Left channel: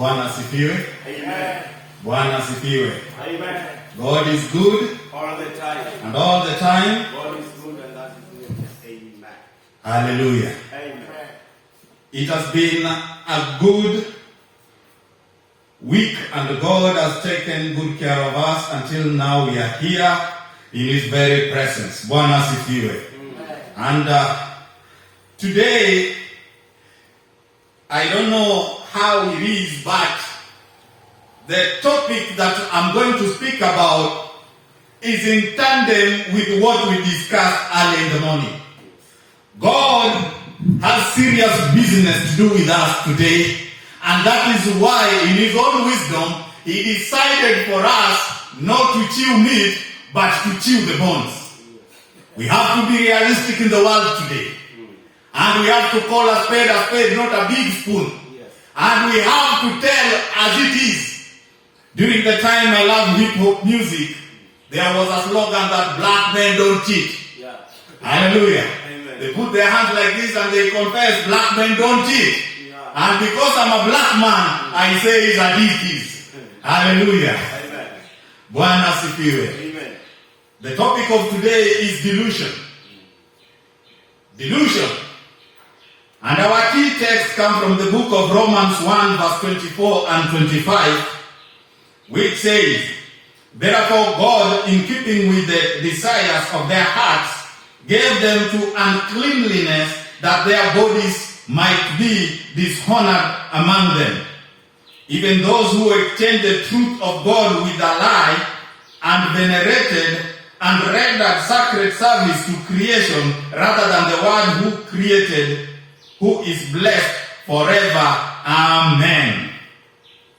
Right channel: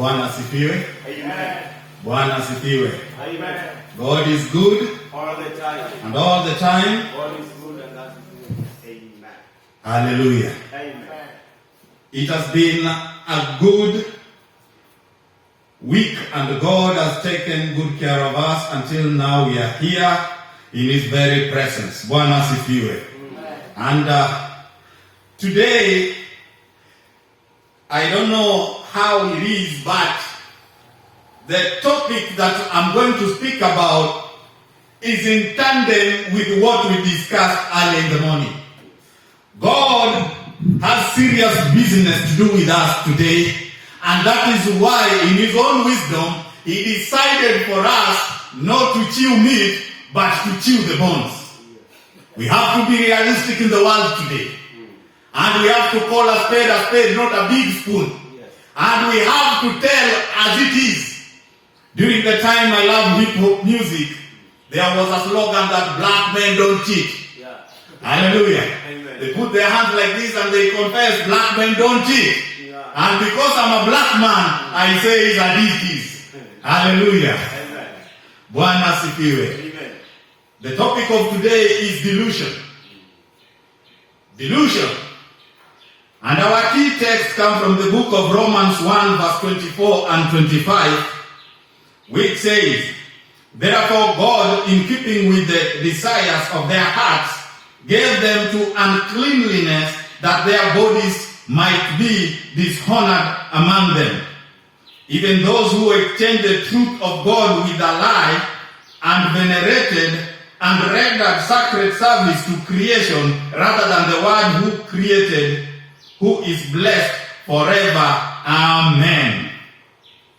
Bwana asifiwe. Amen. Bwana asifiwe. Amen. God is good All the time. and all the time. God is good and that is good. Amen. Hallelujah. Amen. It has been a good week and God has taken good care of us until now. We are here in His very presence. Bwana asifiwe. And today, I don't know how it is, but the topic that I'm going to speak about is in tandem with what we discussed early in the morning. God has serious business to do with us today, and that is why in His own wisdom, He decided for us not to chew meat, but to chew the bones. We have to be realistic in the world today. And we have to call a spade, not a big spoon. And we have to tell as it is. During the time I loved hip-hop music, there was a slogan that black men don't cheat. Yeah. Hallelujah. Amen. They put their hands like this and they confess, black men don't cheat. Yeah. And because I'm a black man, I say it's as it is. Hallelujah. Amen. Bwana asifiwe. Amen. The topic of today is delusion. Delusion. And our key text comes from the book of Romans 1 verse 24 and 25, which says, "Therefore God, in keeping with the desires of their hearts, gave them to uncleanliness, that their bodies might be dishonored among them. Even those who exchanged the truth of God with a lie, and venerated and rendered sacred service to creation rather than the one who created, who is blessed forever. Amen."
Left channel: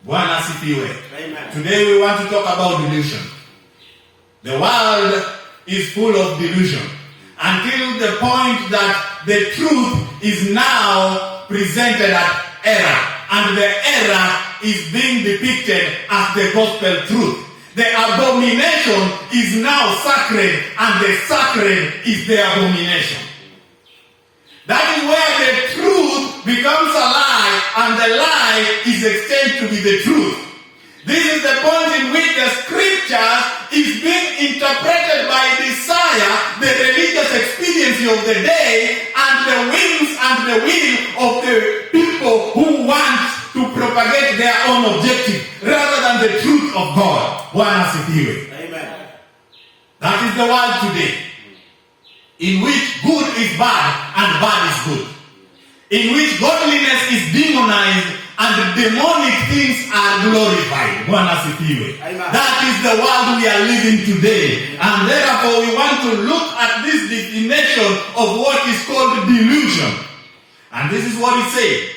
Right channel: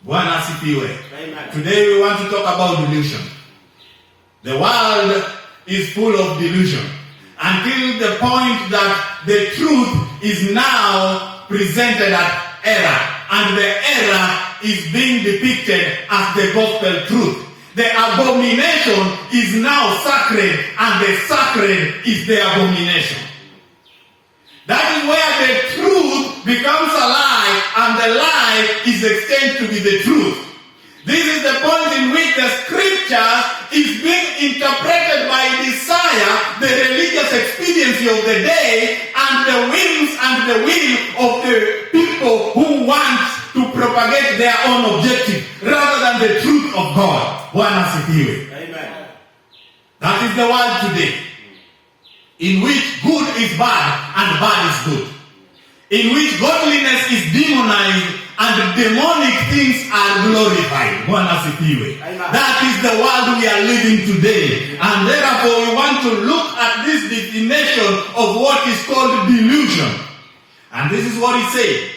Bwana asifiwe. Amen. Today we want to talk about delusion. The world is full of delusion until the point that the truth is now presented as error, and the error is being depicted as the gospel truth. The abomination is now sacred, and the sacred is the abomination. That is where the truth becomes a lie, and the lie is extended to be the truth. This is the point in which the scripture is being interpreted by desire, the religious expediency of the day, and the whims and the will of the people who want to propagate their own objective rather than the truth of God. Bwana asifiwe. Amen. That is the world today, in which good is bad and bad is good, in which godliness is demonized and demonic things are glorified. Bwana asifiwe. Amen. That is the world we are living today, and therefore we want to look at this definition of what is called delusion. And this is what it says:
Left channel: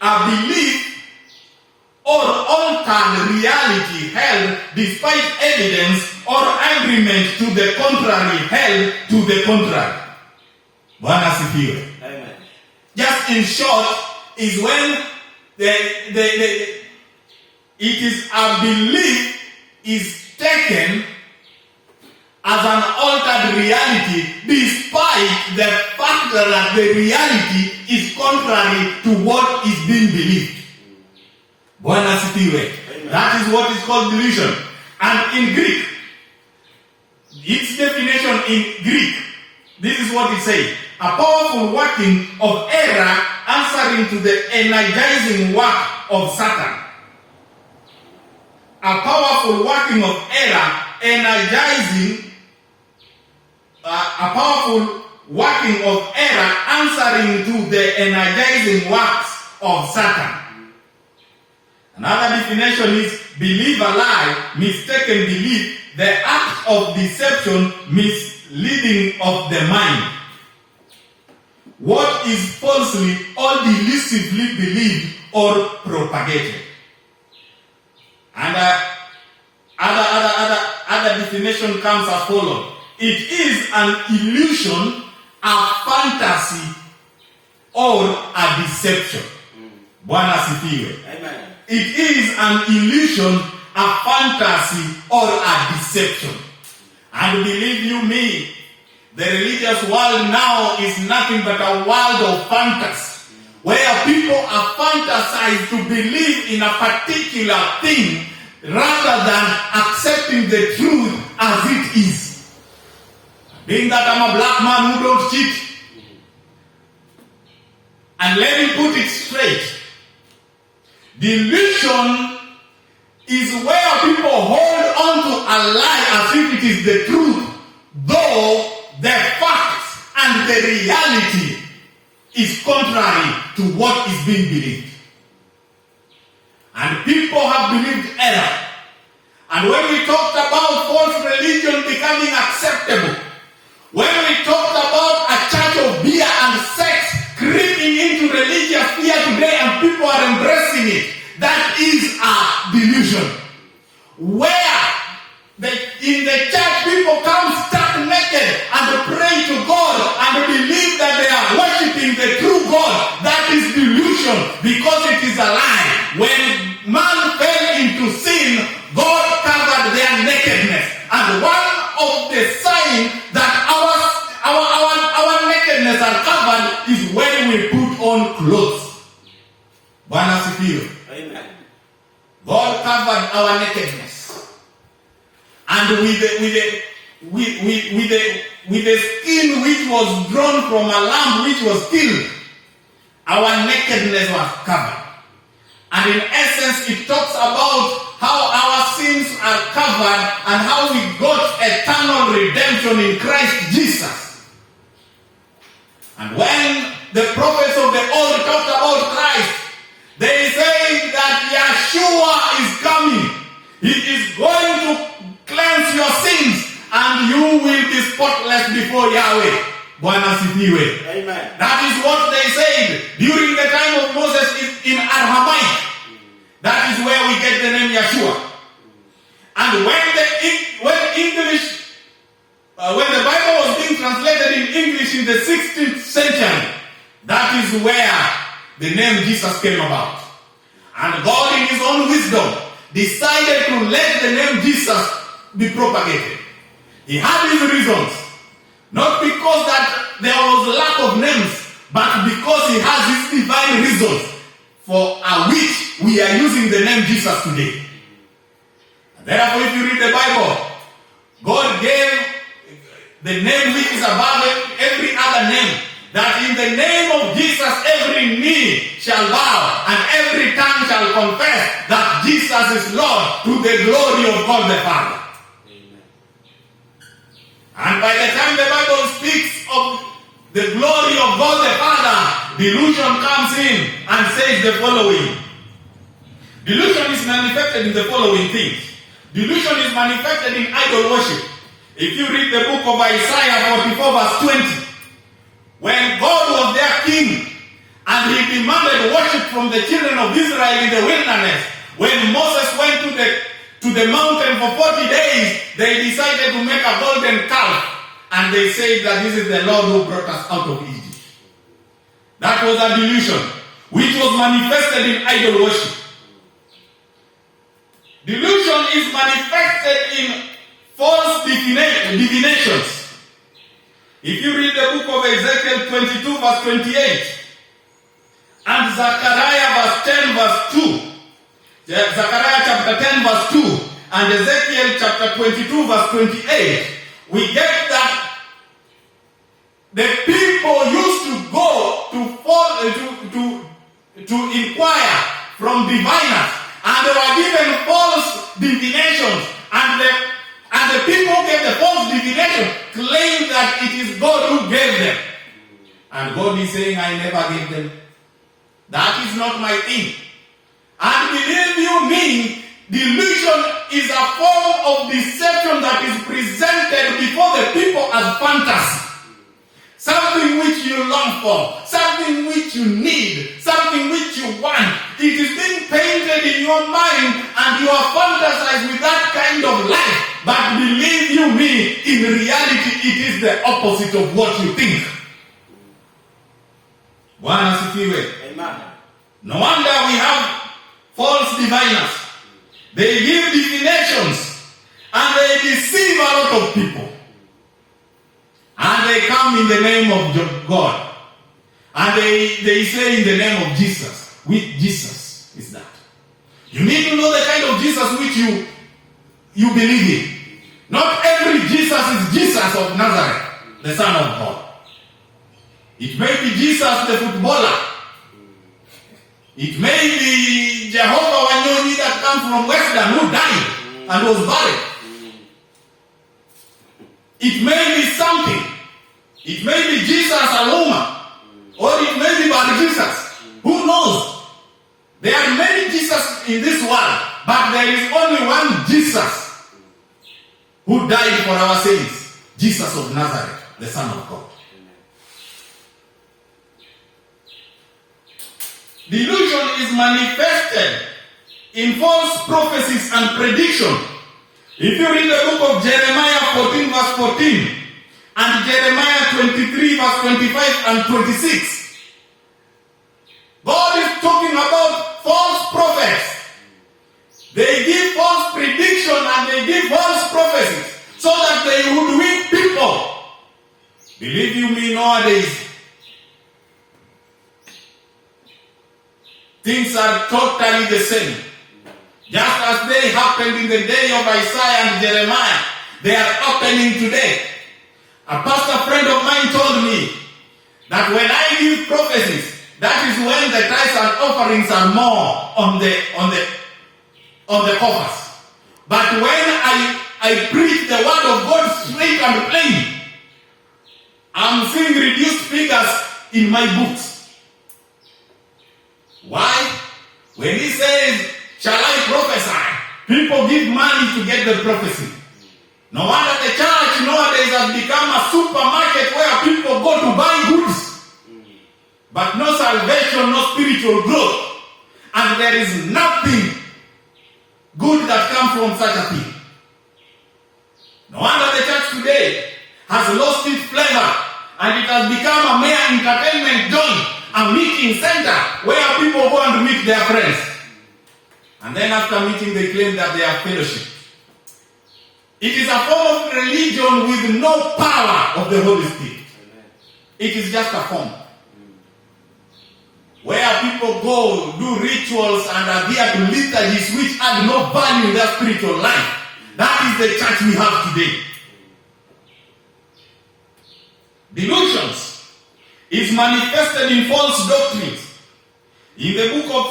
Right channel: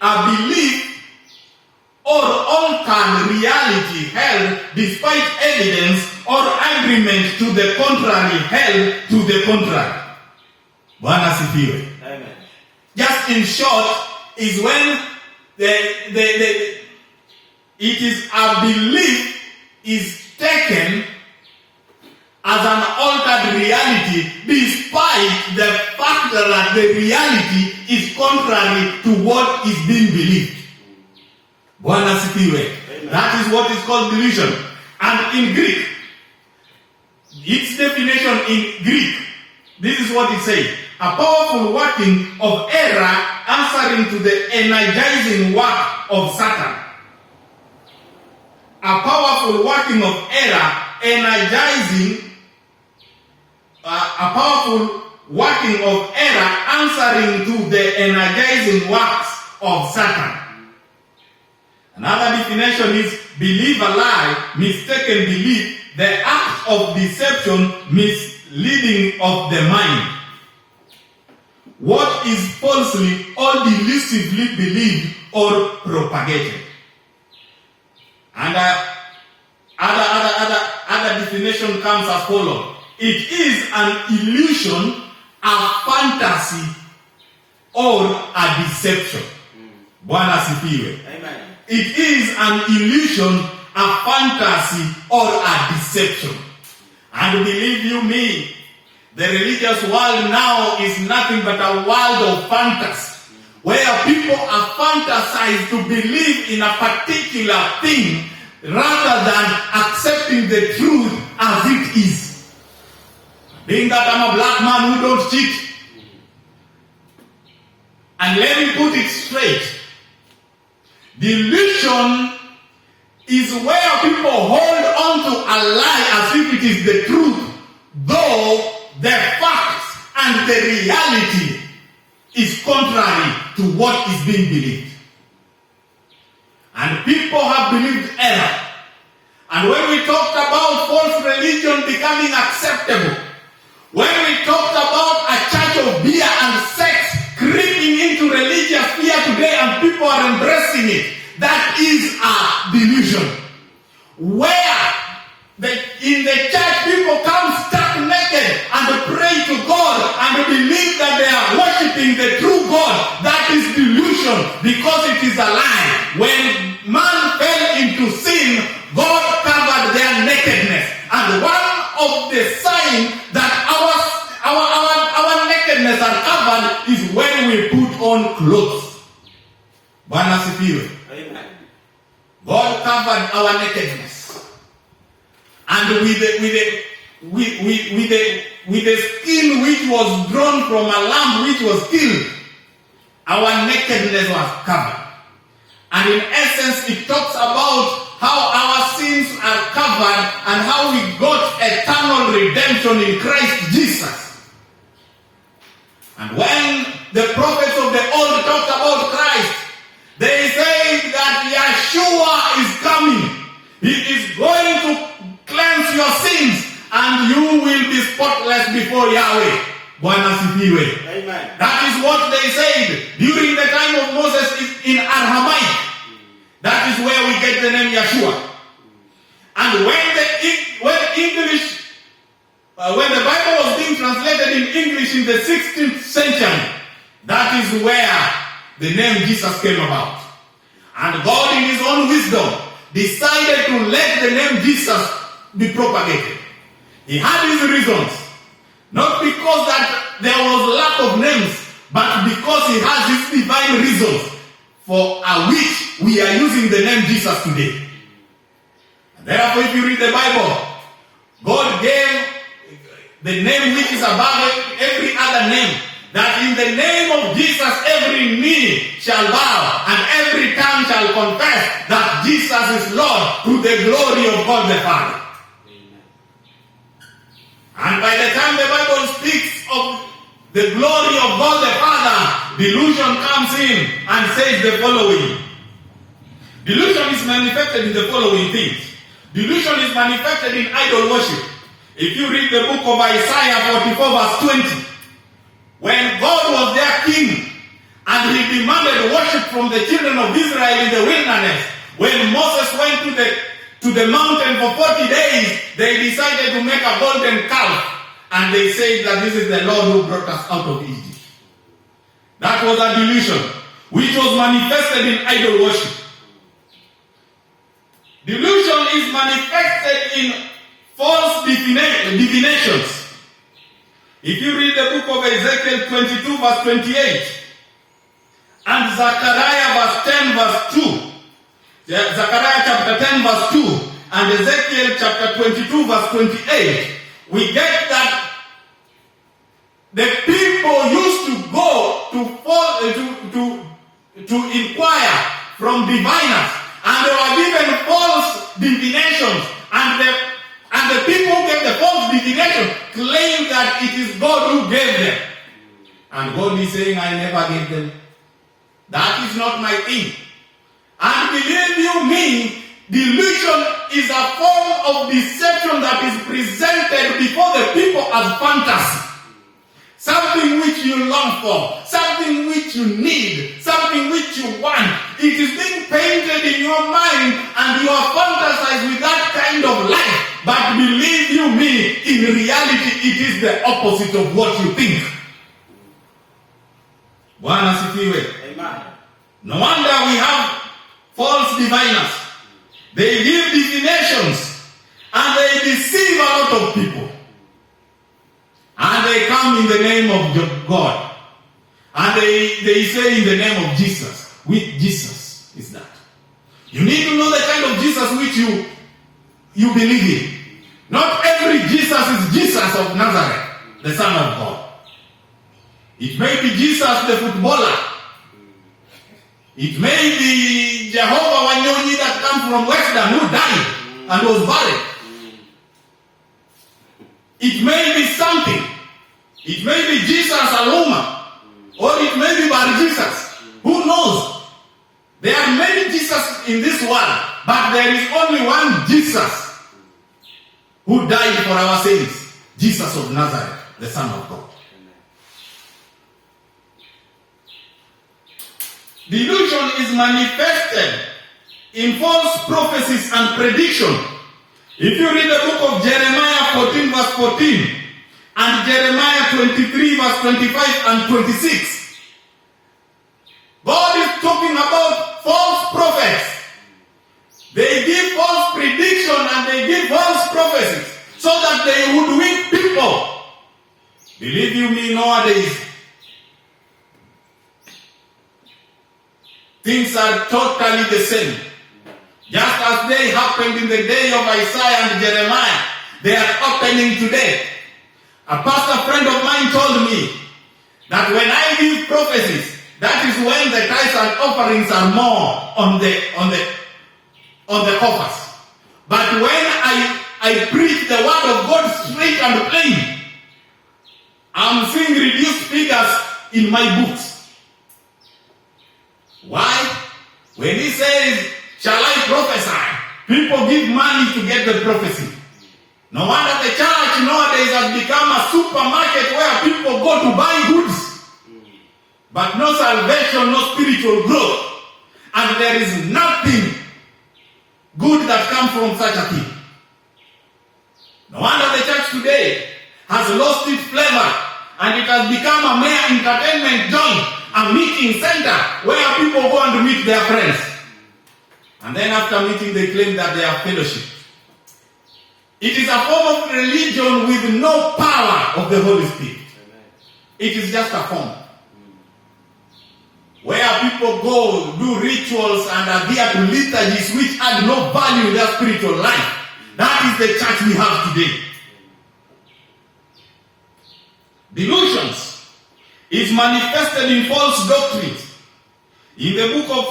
a belief or altered reality held despite evidence or agreement to the contrary held to the contrary. Bwana asifiwe. Amen. Just in short, is when it is a belief is taken as an altered reality despite the fact that the reality is contrary to what is being believed. Bwana asifiwe. That is what is called delusion. And in Greek, its definition in Greek, this is what it says: a powerful working of error answering to the energizing work of Satan. A powerful working of error energizing, a powerful working of error answering to the energizing works of Satan. Another definition is believe a lie, mistaken belief, the act of deception, misleading of the mind. What is falsely or delusively believed or propagated. And other definition comes as follows: it is an illusion, a fantasy, or a deception. Bwana asifiwe. Amen. It is an illusion, a fantasy, or a deception. And believe you me, the religious world now is nothing but a world of fantasy, where people are fantasized to believe in a particular thing rather than accepting the truth as it is. Being that I'm a black man who don't cheat, and let me put it straight, delusion is where people hold on to a lie as if it is the truth, though the facts and the reality is contrary to what is being believed. And people have believed error. And when we talked about false religion becoming acceptable, when we talked about a church of beer and sex creeping into religious fear today and people are embracing it, that is a delusion. Where in the church people come stark naked and pray to God and believe that they are worshiping the true God. That is delusion, because it is a lie. When man fell into sin, God covered their nakedness. And one of the signs that our nakedness are covered is when we put on clothes. Bwana sifiwe. Amen. God covered our nakedness. And with the skin which was drawn from a lamb which was killed, our nakedness was covered. And in essence, it talks about how our sins are covered and how we got eternal redemption in Christ Jesus. And when the prophets of the old talked about Christ, they say that Yeshua is coming. He is going to cleanse your sins and you will be spotless before Yahweh. Bwana sifiwe. Amen. That is what they said during the time of Moses in Aramaic. That is where we get the name Yeshua. And when the Bible was being translated in English in the 16th century, that is where the name Jesus came about. And God in his own wisdom decided to let the name Jesus be propagated. He had his reasons. Not because that there was lack of names, but because he has his divine reasons for which we are using the name Jesus today. And therefore, if you read the Bible, God gave the name which is above every other name, that in the name of Jesus every knee shall bow and every tongue shall confess that Jesus is Lord, to the glory of God the Father. And by the time the Bible speaks of the glory of God the Father, delusion comes in and says the following. Delusion is manifested in the following things. Delusion is manifested in idol worship. If you read the book of Isaiah 44 verse 20, when God was their king and he demanded worship from the children of Israel in the wilderness, when Moses went to the mountain for 40 days, they decided to make a golden calf. And they said that this is the Lord who brought us out of Egypt. That was a delusion, which was manifested in idol worship. Delusion is manifested in false divinations. If you read the book of Ezekiel 22 verse 28 and Zechariah verse 10 verse 2, Zechariah chapter 10 verse 2 and Ezekiel chapter 22 verse 28, we get that the people used to go to inquire from diviners, and they were given false divinations, and the people who gave the false divination claim that it is God who gave them. And God is saying, I never gave them. That is not my thing. And believe you me, delusion is a form of deception that is presented before the people as fantasy. Something which you long for, something which you need, something which you want. It is being painted in your mind and you are fantasized with that kind of life. But believe you me, in reality it is the opposite of what you think. Bwana sifiwe. Amen. No wonder we have false diviners. They give divinations and they deceive a lot of people. And they come in the name of God. And they say in the name of Jesus. Which Jesus is that? You need to know the kind of Jesus which you believe in. Not every Jesus is Jesus of Nazareth, the Son of God. It may be Jesus the footballer. It may be Jehovah Wanyoni that comes from Western who died and was buried. It may be something. It may be Jesus Aluma. Or it may be Bar Jesus. Who knows? There are many Jesus in this world, but there is only one Jesus who died for our sins. Jesus of Nazareth, the Son of God. Delusion is manifested in false prophecies and prediction. If you read the book of Jeremiah 14 verse 14 and Jeremiah 23 verse 25 and 26, God is talking about false prophets. They give false prediction and they give false prophecies so that they would win people. Believe you me, nowadays, things are totally the same. Just as they happened in the day of Isaiah and Jeremiah, they are happening today. A pastor friend of mine told me that when I give prophecies, that is when the tithes and offerings are more on the coffers. But when I preach the word of God straight and plain, I'm seeing reduced figures in my books. Why? When he says, shall I prophesy? People give money to get the prophecy. No wonder the church nowadays has become a supermarket where people go to buy goods. But no salvation, no spiritual growth. And there is nothing good that comes from such a thing. No wonder the church today has lost its flavor and it has become a mere entertainment joint, a meeting center where people go and meet their friends. And then after meeting they claim that they are fellowship. It is a form of religion with no power of the Holy Spirit. It is just a form. Where people go, do rituals and adhere to liturgies which add no value in their spiritual life. That is the church we have today. Delusions is manifested in false doctrines. In the book of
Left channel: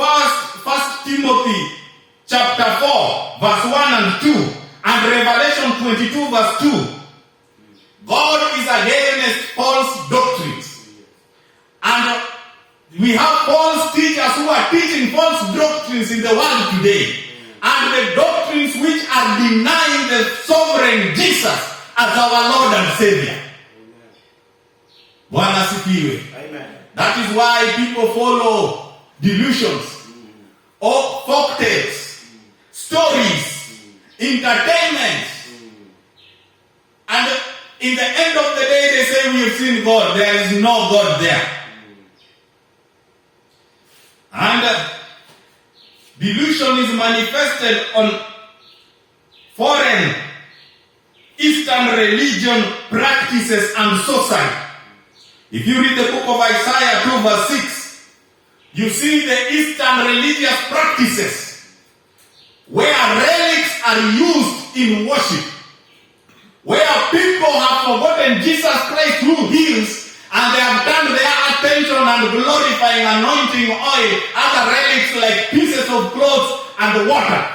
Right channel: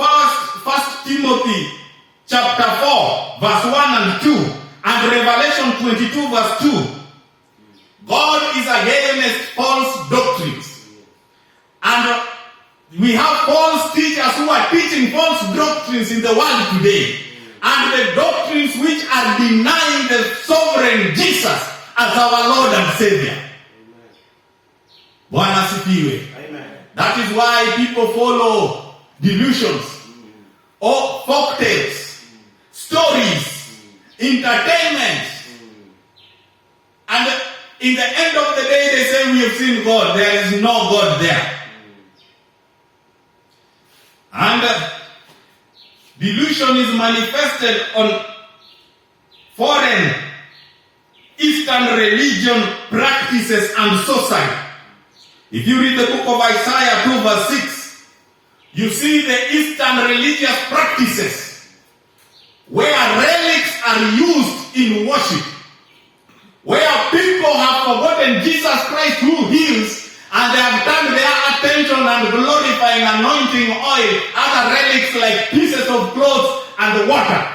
1 Timothy chapter 4 verse 1 and 2 and Revelation 22 verse 2, God is against false doctrines. And we have false teachers who are teaching false doctrines in the world today. And the doctrines which are denying the sovereign Jesus as our Lord and Savior. Bwana asifiwe. That is why people follow delusions, or folktales, stories, entertainment. And in the end of the day they say we have seen God. There is no God there. And delusion is manifested on foreign Eastern religion practices and sorcery. If you read the book of Isaiah 2 verse 6, you see the Eastern religious practices where relics are used in worship, where people have forgotten Jesus Christ who heals, and they have turned their attention and glorifying anointing oil, other relics like pieces of clothes and water.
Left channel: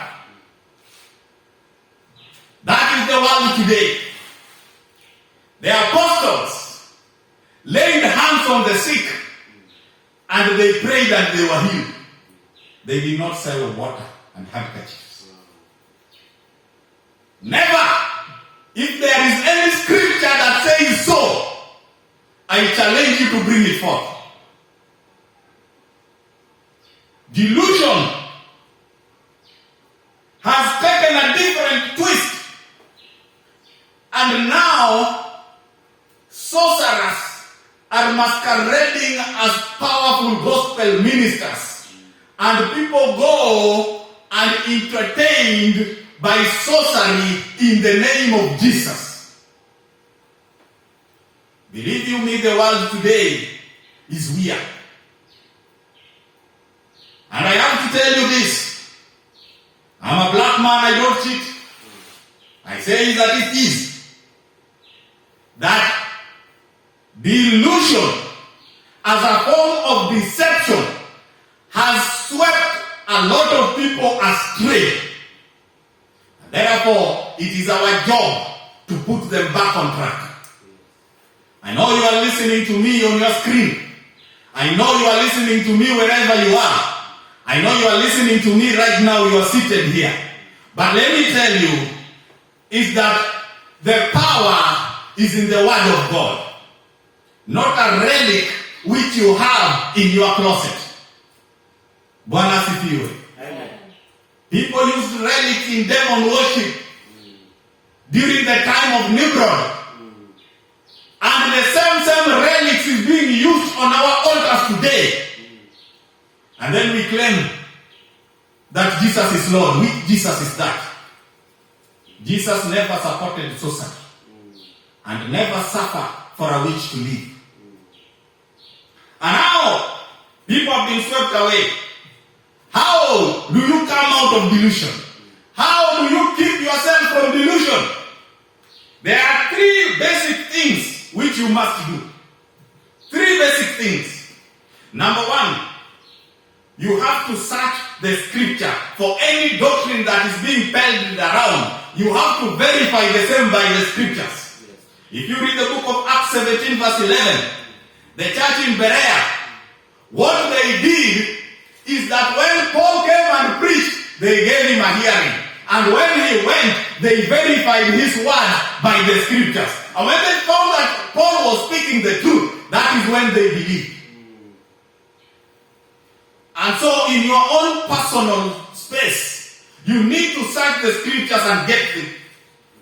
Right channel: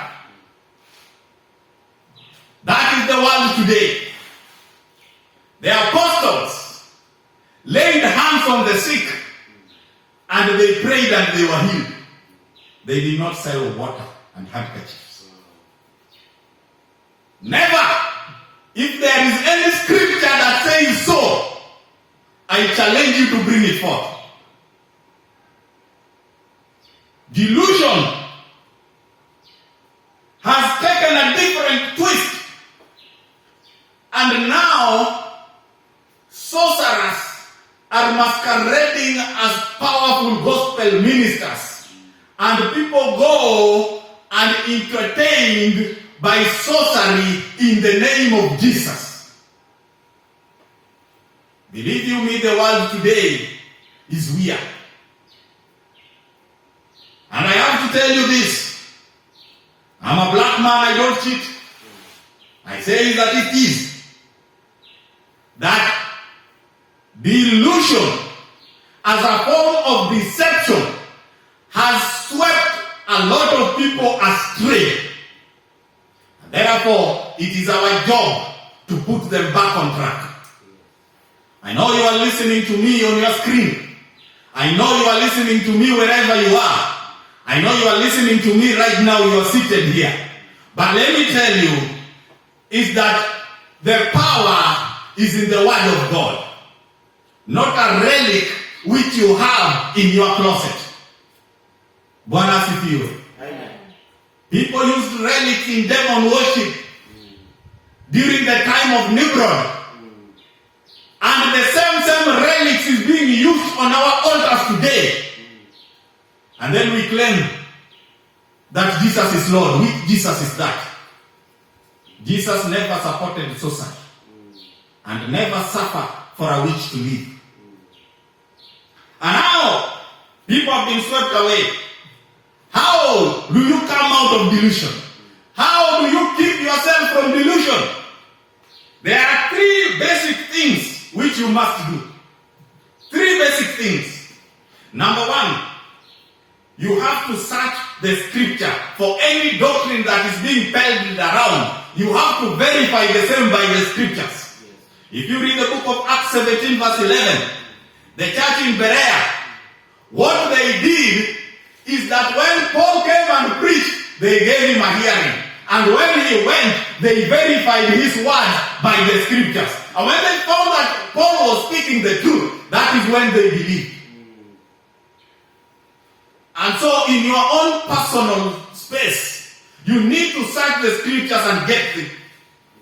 That is the world today. The apostles laid hands on the sick and they prayed and they were healed. They did not sell water and handkerchiefs. Never. If there is any scripture that says so, I challenge you to bring it forth. Delusion has taken a different twist. And now, sorcerers are masquerading as powerful gospel ministers. And people go and entertained by sorcery in the name of Jesus. Believe you me, the world today is weird. And I have to tell you this. I'm a black man, I don't cheat. I say that it is. That delusion as a form of deception has swept a lot of people astray. And therefore, it is our job to put them back on track. I know you are listening to me on your screen. I know you are listening to me wherever you are. I know you are listening to me right now, you are seated here. But let me tell you, is that the power is in the Word of God. Not a relic which you have in your closet. Bwana asifiwe. Amen. People used relics in demon worship during the time of Nimrod. And the same relics is being used on our altars today. And then we claim that Jesus is Lord. Which Jesus is that? Jesus never supported sorcery and never suffered for a witch to live. And now people have been swept away. How do you come out of delusion? How do you keep yourself from delusion? There are three basic things which you must do. Three basic things. Number one, you have to search the scripture for any doctrine that is being peddled around. You have to verify the same by the scriptures. If you read the book of Acts 17 verse 11, the church in Berea, what they did is that when Paul came and preached, they gave him a hearing. And when he went, they verified his word by the scriptures. And when they found that Paul was speaking the truth, that is when they believed. And so in your own personal space, you need to search the scriptures and get the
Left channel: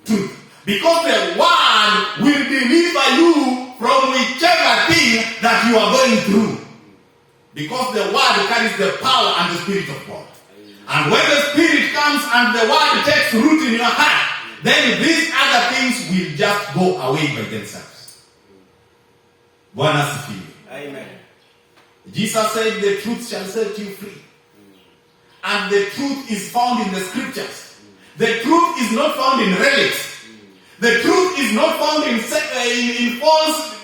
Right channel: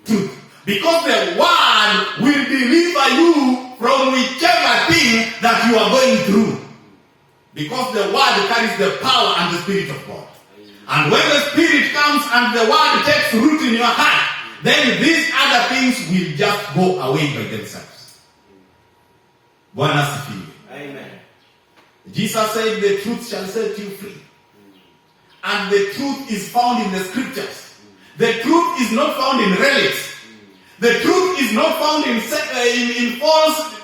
truth. Because the word will deliver you from whichever thing that you are going through. Because the word carries the power and the Spirit of God. And when the Spirit comes and the word takes root in your heart, then these other things will just go away by themselves. Bwana asifiwe. Amen. Jesus said the truth shall set you free. And the truth is found in the scriptures. The truth is not found in relics. The truth is not found in false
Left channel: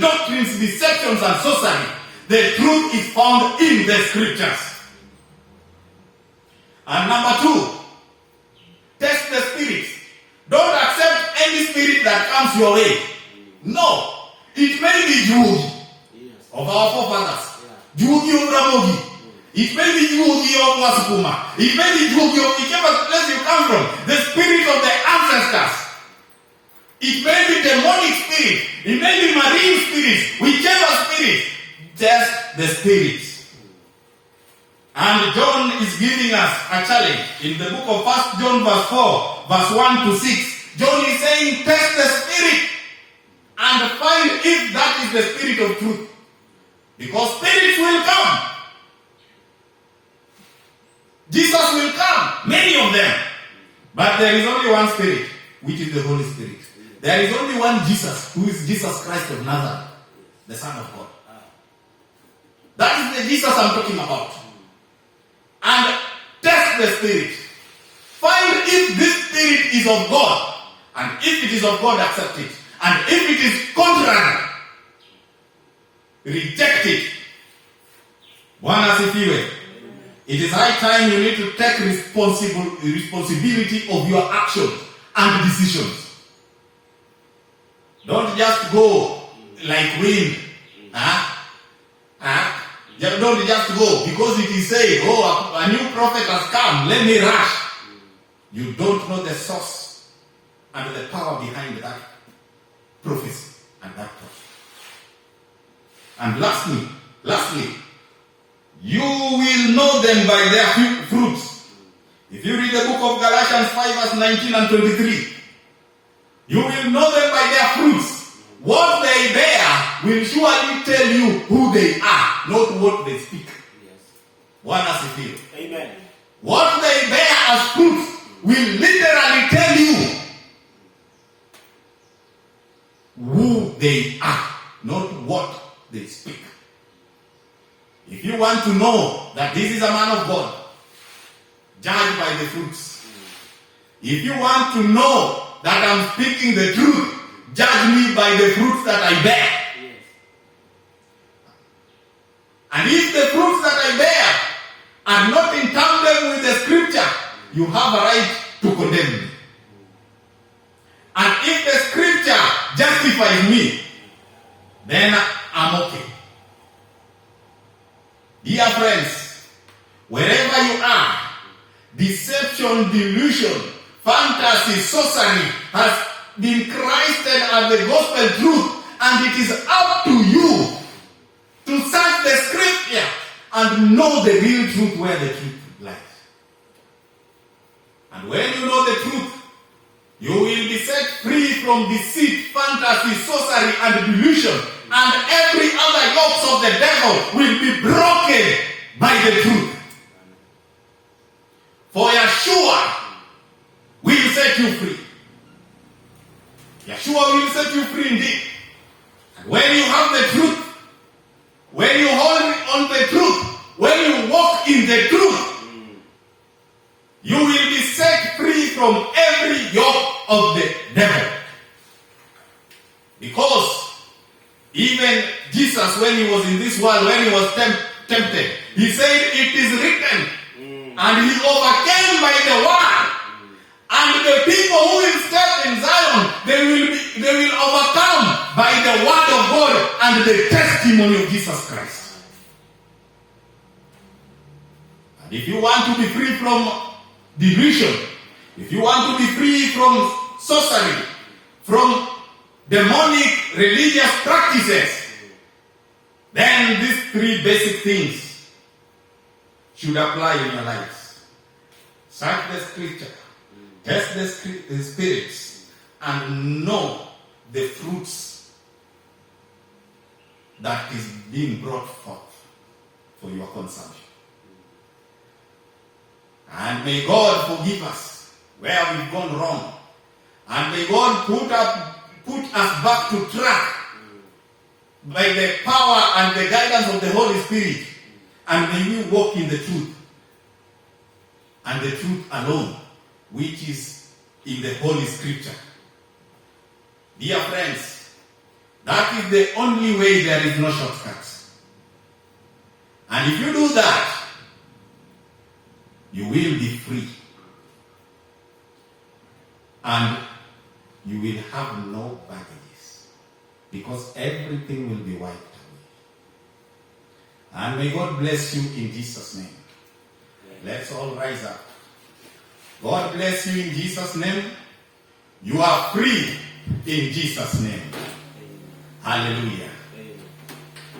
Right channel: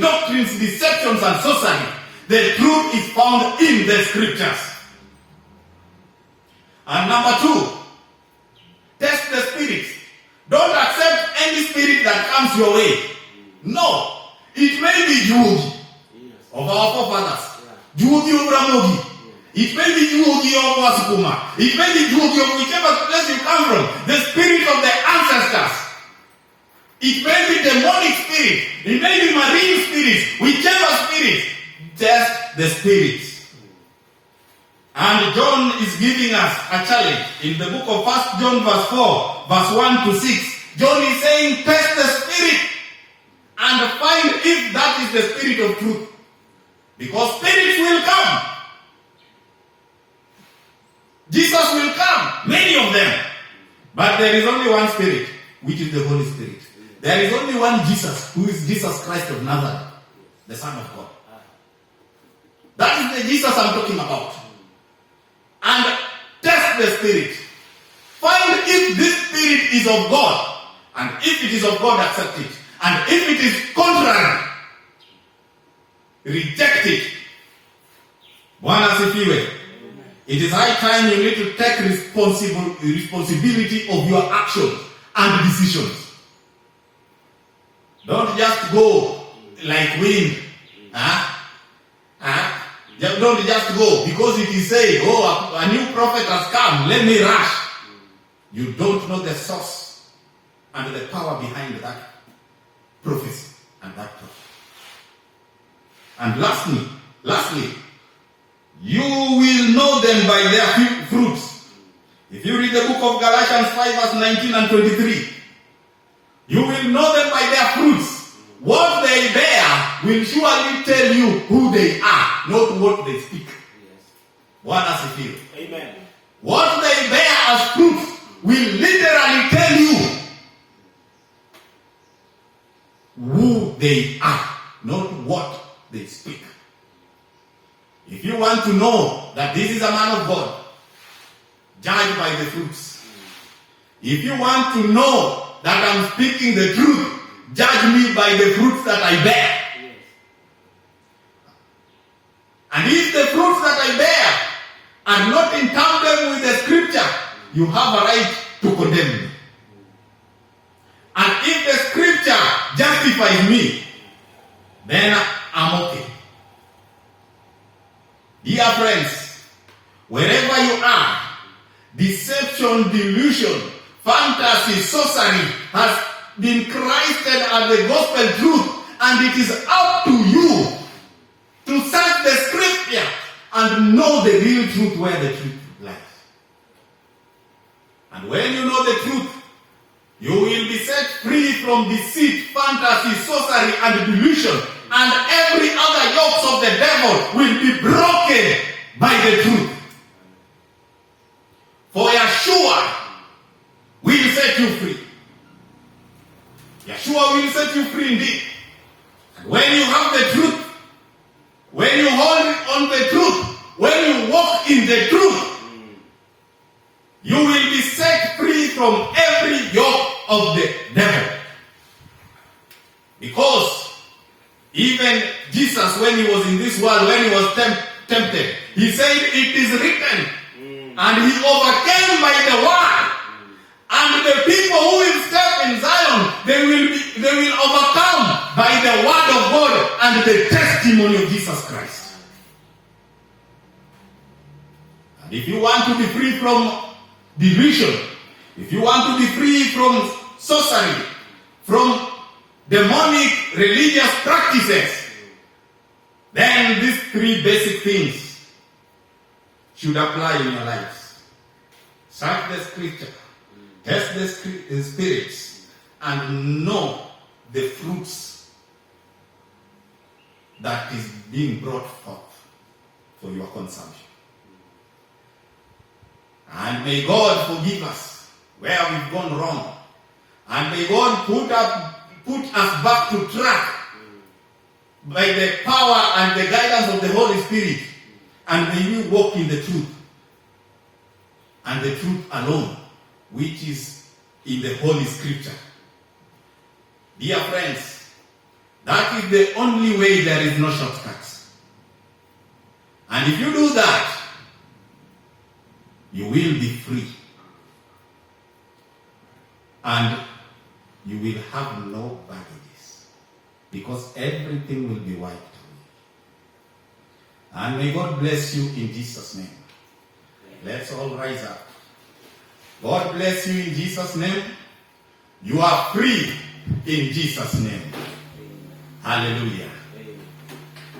doctrines, deceptions and sorcery. The truth is found in the scriptures. And number two, test the spirits. Don't accept any spirit that comes your way. No. It may be Jude of our forefathers. Jude of Ramogi. It may be Jude of Wasukuma. It may be Jude of whichever place you come from. The spirit of the ancestors. It may be demonic spirit. It may be marine spirits. Whichever spirit. Test the spirits. And John is giving us a challenge. In the book of 1 John verse 4, verse 1 to 6. John is saying, test the spirit. And find if that is the spirit of truth. Because spirits will come. Jesus will come. Many of them. But there is only one spirit, which is the Holy Spirit. There is only one Jesus, who is Jesus Christ of Nazareth, the Son of God. That is the Jesus I'm talking about. And test the spirit. Find if this spirit is of God. And if it is of God, accept it. And if it is contrary, reject it. Bwana asifiwe. It is high time you need to take responsibility of your actions and decisions. Don't just go like wind. Don't just go because it is said, oh, a new prophet has come, let me rush. You don't know the source and the power behind that prophecy and that thought. And lastly, you will know them by their fruits. If you read the book of Galatians 5 verse 19 and 23, you will know them by their fruits. What they bear will surely tell you who they are, not what they speak. Bwana asifiwe. Amen. What they bear as fruits will literally tell you who they are, not what they speak. If you want to know that this is a man of God, judge by the fruits. If you want to know that I'm speaking the truth, judge me by the fruits that I bear. Yes. And if the fruits that I bear are not in tandem with the scripture, you have a right to condemn me. And if the scripture justifies me, then I'm okay. Dear friends, wherever you are, deception, delusion, fantasy, sorcery has been Christed as the gospel truth, and it is up to you to search the scripture and know the real truth where the truth lies. And when you know the truth, you will be set free from deceit, fantasy, sorcery, and delusion, and every other yokes of the devil will be broken by the truth. For Yeshua will set you free. Yeshua will set you free indeed. And when you have the truth, when you hold on the truth, when you walk in the truth, you will be set free from every yoke of the devil. Because even Jesus, when he was in this world, when he was tempted, he said, it is written, and he overcame by the word. And the people who will step in Zion, they will overcome by the word of God and the testimony of Jesus Christ. And if you want to be free from delusion, if you want to be free from sorcery, from demonic religious practices, then these three basic things should apply in your lives. Search the scripture, test the spirits, and know the fruits that is being brought forth for your consumption. And may God forgive us where we've gone wrong. And may God put us back to track by the power and the guidance of the Holy Spirit. And may we walk in the truth. And the truth alone, which is in the Holy Scripture. Dear friends, that is the only way. There is no shortcuts. And if you do that, you will be free. And you will have no baggages. Because everything will be wiped away. And may God bless you in Jesus' name. Let's all rise up. God bless you in Jesus' name. You are free in Jesus' name. Hallelujah.